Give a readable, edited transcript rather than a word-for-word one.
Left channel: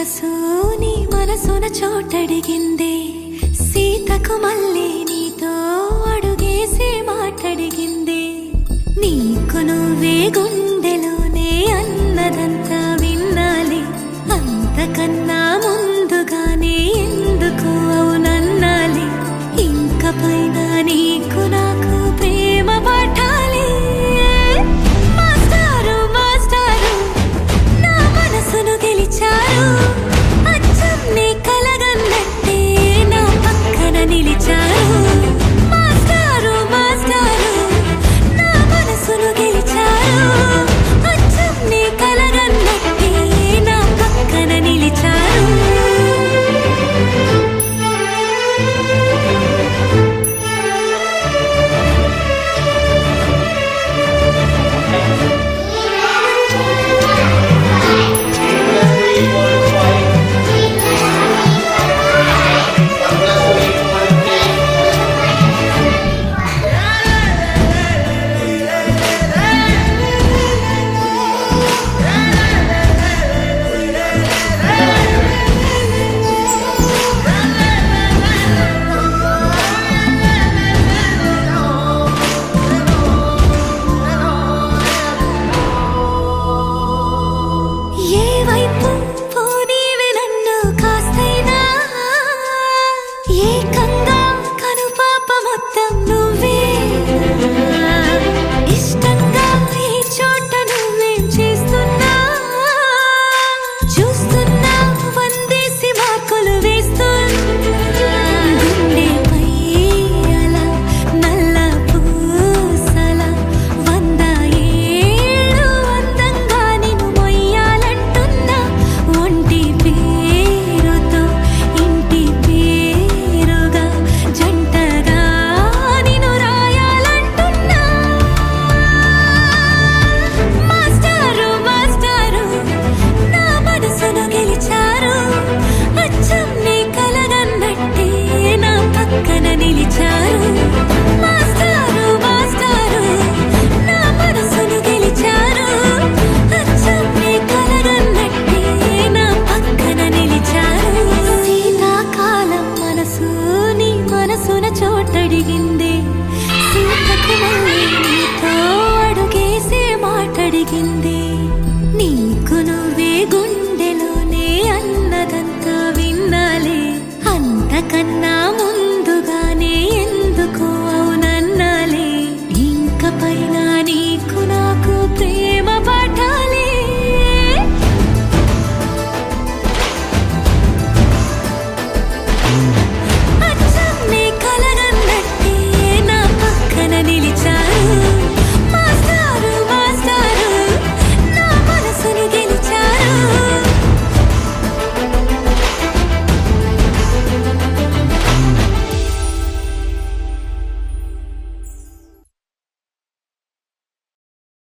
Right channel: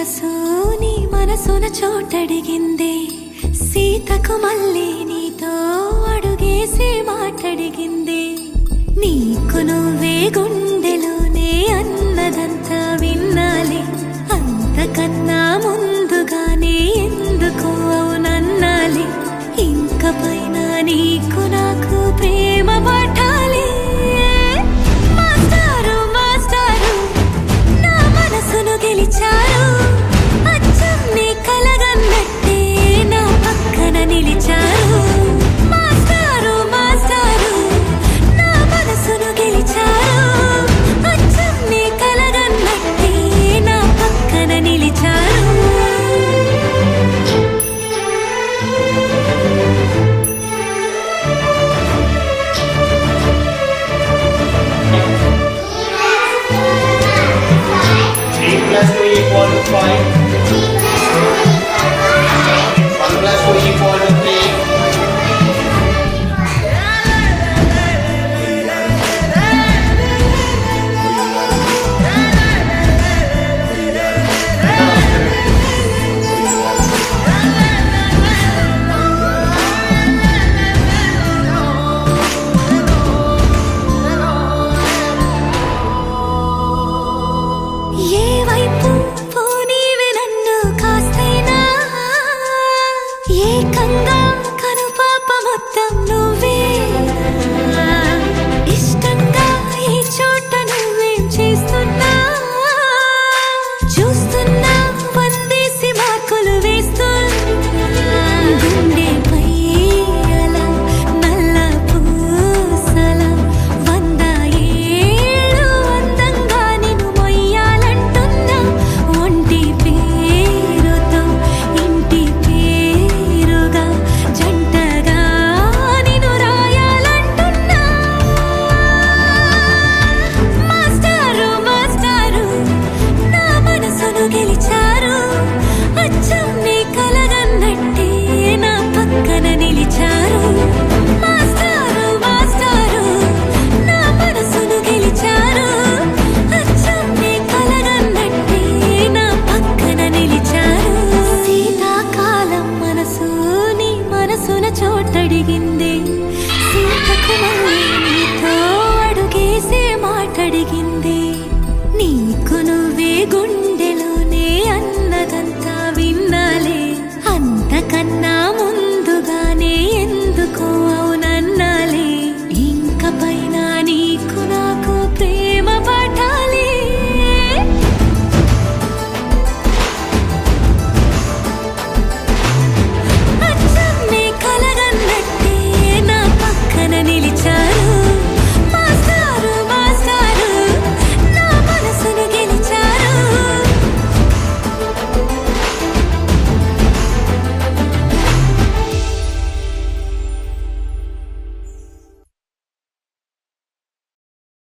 మనసు నీ మనసున చోటడిగిందే సీతకు మళ్ళీ నీతో అడుగేసి మాటడిగిందే నీకు నువ్వే గుండెలోనే అన్నదంతా విన్నాలే అంతకన్నా ముందుగానే ఎందుకు అవునన్నాలే ఇంక పైన నీకు నాకు ప్రేమ పాఠాలే మాస్టారు మాస్టారు నా మనసును గెలిచారు అచ్చం నీ కలగన్నట్టే నా పక్కన నిలిచారు మాస్టారు మాస్టారు నా మనసును గెలిచారు అచ్చం నీ కలగన్నట్టే నా పక్కన నిలిచారు Equal to 5. 1 plus 2 equal to 3. ఏ వైపు పోనీవి నన్ను కాస్తైనా ఏకంగా కనుపాప మొత్తం నువ్వే ఇష్టంగా ఈ చోట నువ్వేం చేస్తున్నా చూస్తున్నా వందేసి మార్కులు వేస్తున్నా గుండెపై అలా నల్ల పూసల 100 ఏళ్ళు అందంగా నిన్ను మొయ్యాలంటున్నా ఒంటి పేరుతో ఇంటి పేరుగా జంటగా నిన్ను రాయాలంటున్నా మాస్టారు మాస్టారు నా మనసును గెలిచారు అచ్చం నీ కలగన్నట్టే నా పక్కన నిలిచారు మాస్టారు మాస్టారు నా మనసును గెలిచారు అచ్చం నీ కలగన్నట్టే నా పక్కన నిలిచారు శీతాకాలం మనసు నీ మనసున చోటడిగిందే సీతకు మళ్ళీ నీతో అడుగేసే మాటడిగిందే నీకు నువ్వే గుండెలోనే అన్నదంతా విన్నాలే అంతకన్నా ముందుగానే ఎందుకు అవునన్నాలే ఇంక పైన నీకు నాకు ప్రేమ పాఠాలే